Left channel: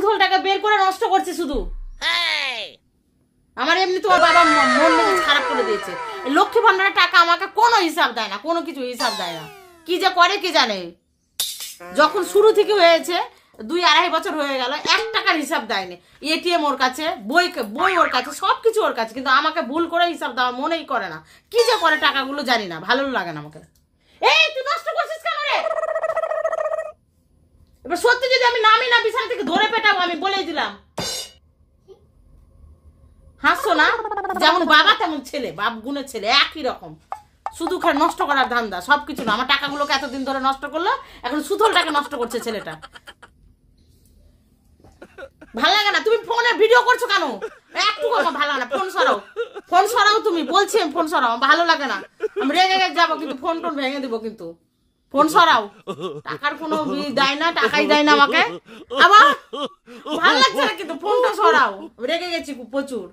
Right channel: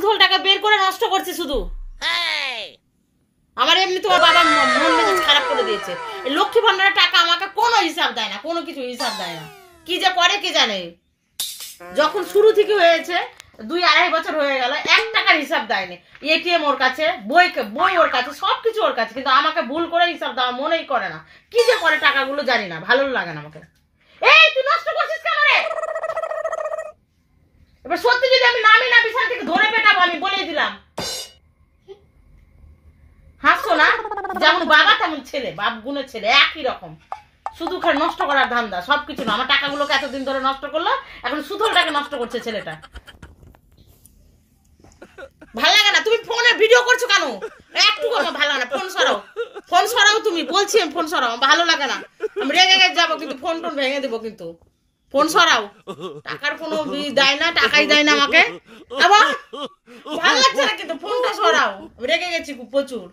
সুদল টাকা বের করে নষ্ট করছে শুধু। আমার এমনি তোমার বাবা মন মেজাজ খারাপ করে দিয়েছে। লক্ষ্মী ভান্ডারের টাকা আমাকে কোনো হিসাব দেয় না, কোনো কিছু হিসাব দেয় না, কি যে করে কে জানে। যখন শুরু থেকে হয়েছে 2-2.5 বছর হয়ে গেল, 1 টাকার হিসাব দেয়নি। এটিএম ওর কাছে, বই ওর কাছে, সবকিছু ওর কাছে, কিন্তু আমাকে ভুল করে হিসাব দেওয়া মনেই করে না। কি যে করে টাকাগুলো জানি না, ভালো লাগে না আমাকে। এই তুই নষ্ট করছিস কেন রে? এবার সত্যি যদি আমি নামি না বিছানা থেকে ধরে পেটাবো, আমি বলেই দিলাম। হাসছো না? যেমন বাবা তেমন ছেলে, বাপ গুণের ছেলে একই রকম, শুধু খালি নষ্ট করার ধান্দা, সবকিছু না। আমার টাকাগুলোকে এতদিন ধরে নষ্ট করলো, এখন সুদলটাকে নষ্ট করছে ছেলেটা। ভালো লাগে না। তুমি ফোনে ভিডিও করছো কেন? একটু আমার ভালো লাগে না। ফোন সরাও, ফোন সরাও। তুমি বলছি ফোন সরাও, ভালো লাগে না। আমি রেগে যাবো কিন্তু, ফোন ভেঙে দেবো কিন্তু। ফোন সরাও। টাকার কোনো দেয় না, টাকাই দেয় না আমাকে। আবার ভালো লাগছে না কিন্তু, ফোনটা সরাও। রেগে গেছি প্রচুর।